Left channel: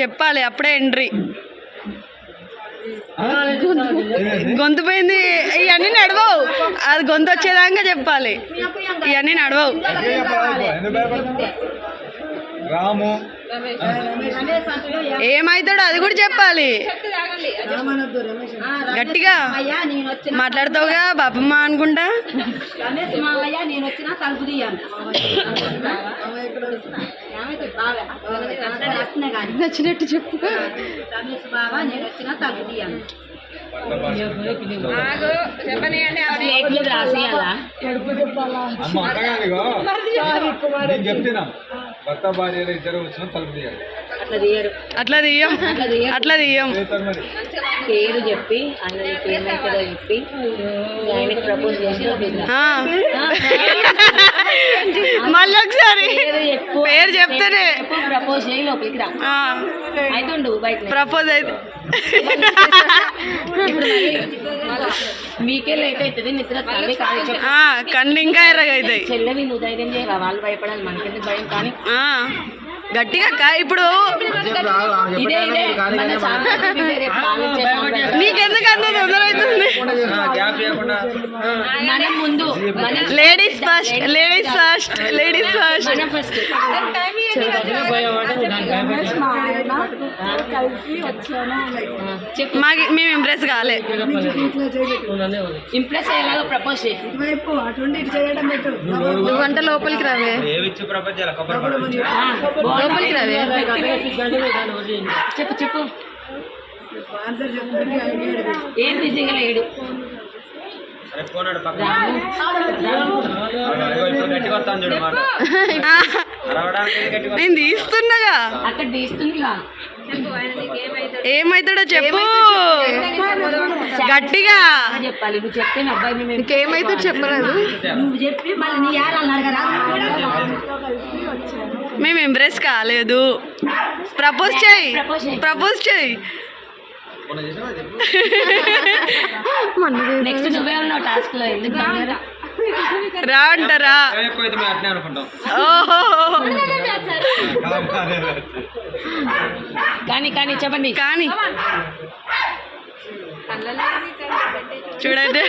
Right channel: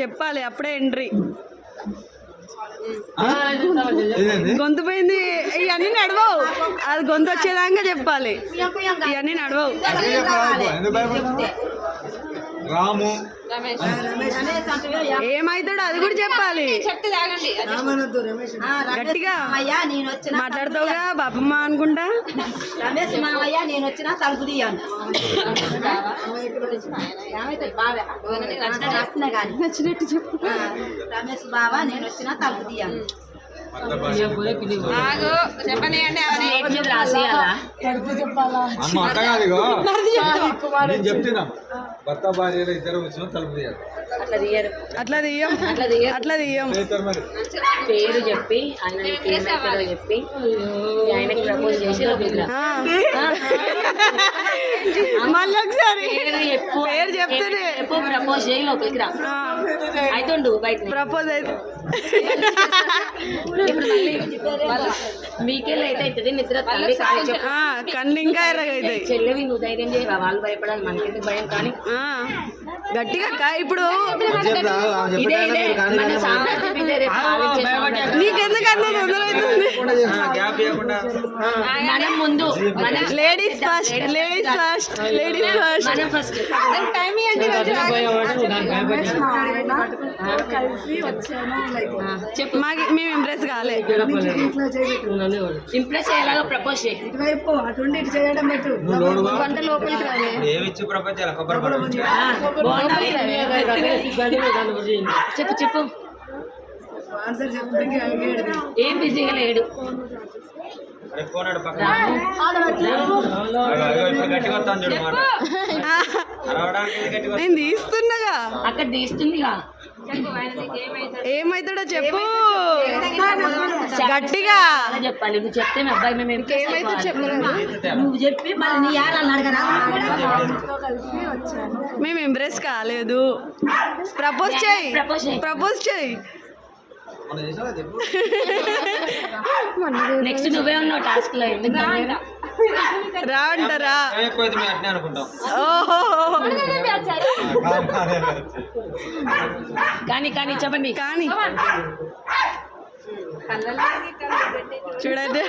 చెప్పాలి అప్పుడే ఎంట్రీ గొంతు పోయింది. ఇవన్నీ నడవవు. అది గొంతు వచ్చేదాకా చెప్పాలి. ఇవన్నీ నడవవు. రాము. రమేష్. ఏమైతాడో అది కూడా చెప్పాలి. గట్టిగా అయ్యా నేను వచ్చిన మాట్లాడతావుగా బాపమ్మ అనుకుంటా? రమేష్ మావయ్య నేను వచ్చిన తలుపు తీయాను నచ్చినట్టు చెప్పు. రమేష్ బావా నేను వచ్చిన తలుపు తీయాను చెప్తున్నా. భర్త భార్యలు ఇద్దరు వచ్చిన తలుపు తీయాలి. అట్లా తీయం. అట్లా తీయం. పేరు చెప్పి అన్నకి ఏమైతుందో చెప్పి ఆయనకి ప్రపోజ్ చేసి. మళ్ళీ ఒకసారి. పేరు చెప్తేనే. ప్రపోజ్ చేయి లోపలికి రా. ఆ, అవుతుండు బయట ప్రపోజ్ అయితే. అవుతుంది నిద్ర కళ్ళు ఇంకా ఎర్రగా అవుతాయి. చెల్లెవి నువ్వు ధైర్యం వాళ్ళు భయపడాలి మనకెందుకు భయం? కానీ ఆ, గట్టిగా అక్క ఇప్పుడు. నీకెందుకు అంత తొందర అవుతుంది ladies first ladies first ladies first మనం ఫస్ట్ చెప్పు మాకు మేము ఇంప్రెస్ కాలే. ఇంప్రెస్ అయ్యేలాగా ప్రపోజ్ చేయి. నువ్వు గంట లోపలికి రావే. ఏవిచ్చి ప్రపంచాల కొబ్బరి లోపలికి రావే చెప్పు చెప్పు ఏం బిజీగా లేడు. నేను తీస్తున్నాగా. అక్కడ తీస్తుందిగా ఏమైతాడో చెప్పు. గట్టిగా. చెప్పాలి నువ్వు చెప్తే మీ అబ్బాయి మేము ఏమైతే చెప్పలేదు నువ్వు చెప్పి మళ్ళీ నీ యారాలు అడగరా మేము ఇంప్రెస్ కాలేదు. ప్రపోజ్ చేయి. ప్రపోజ్ చేయి. నెక్స్ట్ నువ్వే ఉన్నావు టాస్క్లో? రా అంటారా? కానీ కానీ చెప్పండి. కానీ. చూడండి.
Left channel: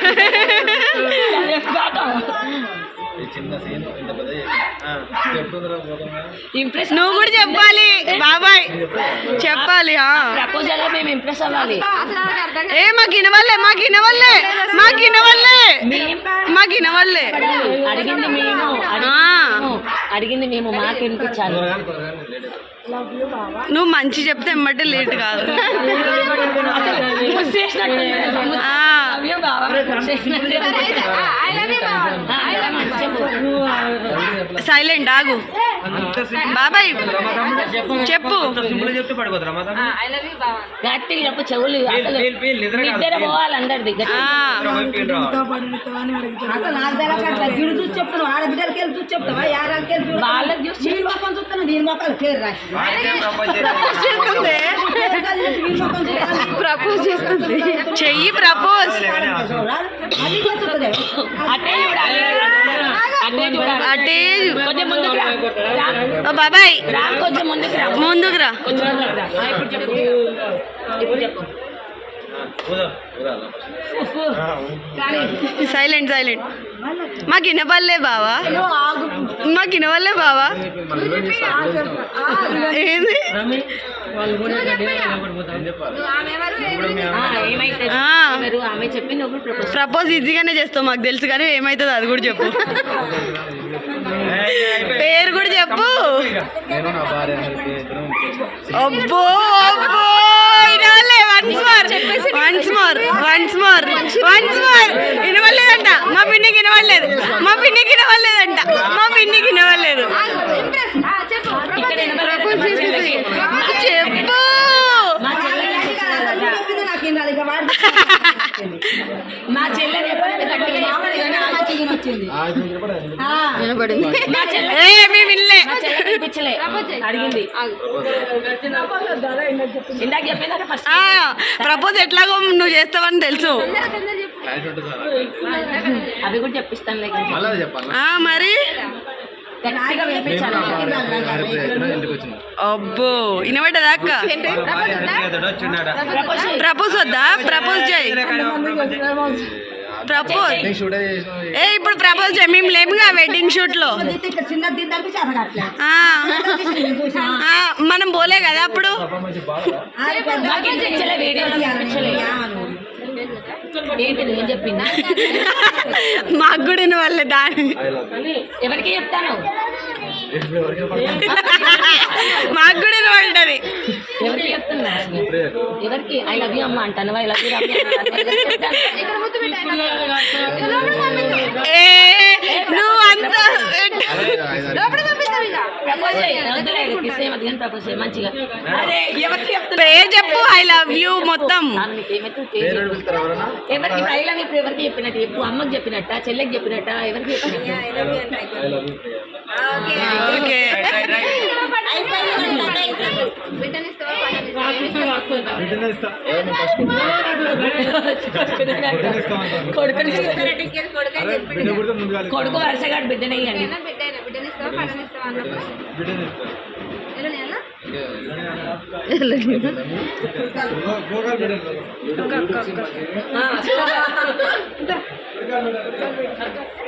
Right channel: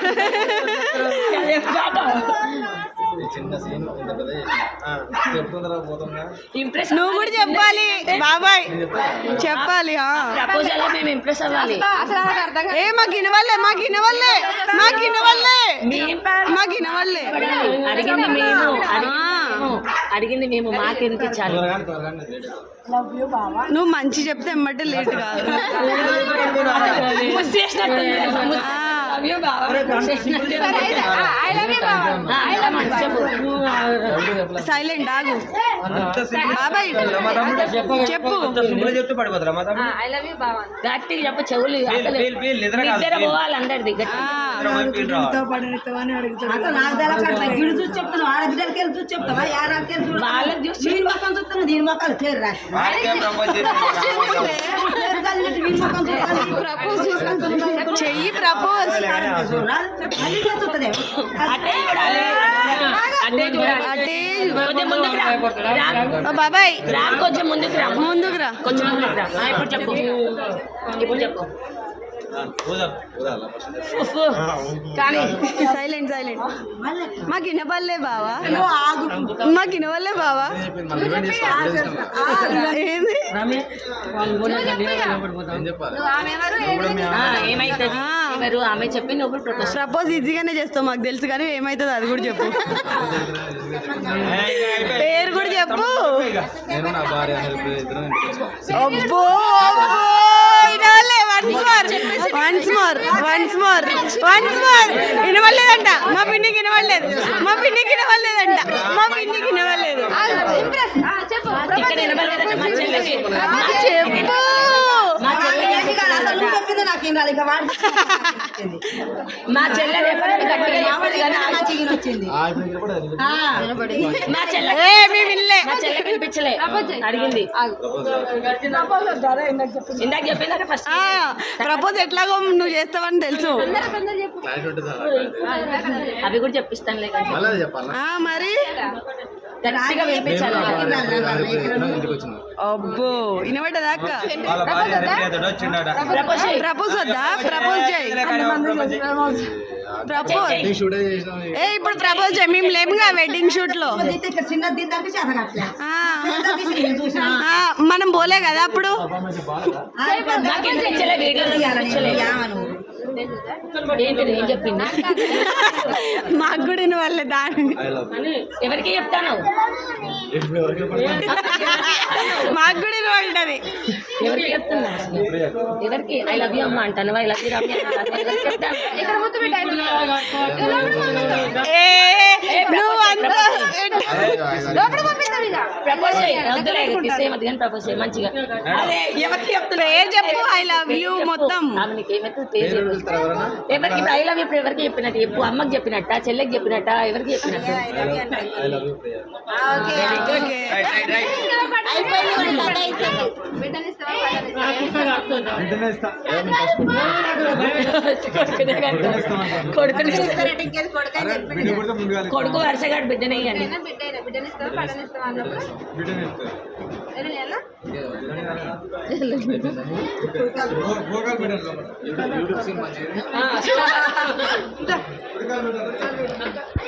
చిన్న సీన్ ఇంత పెద్ద చెప్తుందిరా పోతుందా? ఇంప్రెస్ నువ్వు కూడా చెప్పాలి. బాబాయ్ చెప్పాలి ఆ. ప్రపోజల్లో మేము ఇంప్రెస్ అవ్వాలి. ఏ మాకు వినవల్లే మాకు వినవల్లే మాకు వినవల్లే మాకు వినవల్లే అడిగింది మేము ఆ. అడిగింది మేము మాకు వినిపించాలి నువ్వు మంచి చెప్తే ఎమ్మటే లేట్ కాదు. ఆ, సైలెంట్ ఆగు. బాబాయ్ చెప్పు లవ్ యూ బావా. గట్టిగా చెప్పు చెవులు నిద్ర పోవాలి అందరిది ఆ, ఫీల్ రా అసలు నాకు తెలవకుండా గిడు చూసి చెప్తున్నావు. ఆడబిడ్డలకి వెళ్ళి చూసి చెప్తావా? యారాలకి వెళ్ళి చూసి వాళ్ళకి చూసి దీని మొక్కం చూస్తున్నావు దీని మొక్కలు పేరు రాసి. ప్రపోజ్. చేస్తుంది చెయ్యి ప్రపోజ్ అటే బాబాయ్ ముందుకు రా. ముందుకు రా. ఇప్పుడు చెప్పు. ఇప్పుడు చెప్పు. ఉఫ్. కానీ సైలెంట్ సైలెంట్. మాకు వినపల్లే బావా. మాకు వినవల్లే బావా. ఏంది? నువ్వు ఆమె ఎవరు ఏంటి? ఆ, ఏమైతుంది? ఆ. ఎవరు? ఆమె చెప్పి నువ్వు ప్రపోజ్ ప్రపోజ్ ఈజీగానే చేస్తావు మాకు తెలుసు కానీ ఏమవుతుంది అది కూడా చెప్పు. పేరు కూడా చెప్పు. అబ్బో అబ్బో. Once more once more once more once more వినవల్లేదంట మా పిన్నికి వినవలేదు మా పిన్నికి వినవలేదంట మా పిన్నికి వినవలేదు చెప్పు? మా చెల్లె గట్టిగా కానీ చెల్లె చెల్లె కనిపించలే. అడిగింది. ఇందాక చెప్పిందా ఫస్ట్ ప్రపోజ్ ఎట్లాగో నువ్వు చేస్తావని తెలుసు. అవి కూడా చెప్పిస్తాను లేక ఆ మరి? అబ్బో వినబడ్డదా అక్క ప్రపోజ్ వద్దా? ప్రపోజ్ చేయి. ప్రపోజ్ ఏ ఇప్పుడు ప్రపోజ్ చేయి. మేము లేముగా వెడ్డింగ్ షూట్లో. మనం పోలే కదా అప్పుడు. ఆ, పెద్ద నాకు వినిపించలే వీడియో వినిపించలే ఏంటి నేను చెప్పిందా మాకు కూడా వినవాళ్ళే దాని ఎవరికి చెప్తాను? మాకు కూడా వినబడ్డది ఎవరికి చెప్తున్నా? ఎవరికి? ఐ లవ్ యూ అమ్మ అంటాను ఐ లవ్ యూ ఏ నువ్వు అంత ప్రపోజ్ చేయి. వద్దులే కిస్ ఏమది కానీ ప్రపోజ్ చేయి మంచిగా. పేరు చెప్పు ఐ లవ్ యూ మొత్తం. ఎవరికి ఐ లవ్ యూ ఎవరికి చెప్పినట్టు చెప్పు? అమ్మకి చెప్పినట్ట? చెల్లెకి చెప్పినట్ట? ఎవరికి చెప్పినట్టు? బిడ్డనిస్తావా కొడుకుని కొడుకు వరుసగాడు బిడ్డనే ఇవ్వండి. బిడ్డ బిడ్డనిస్తావా ఆ,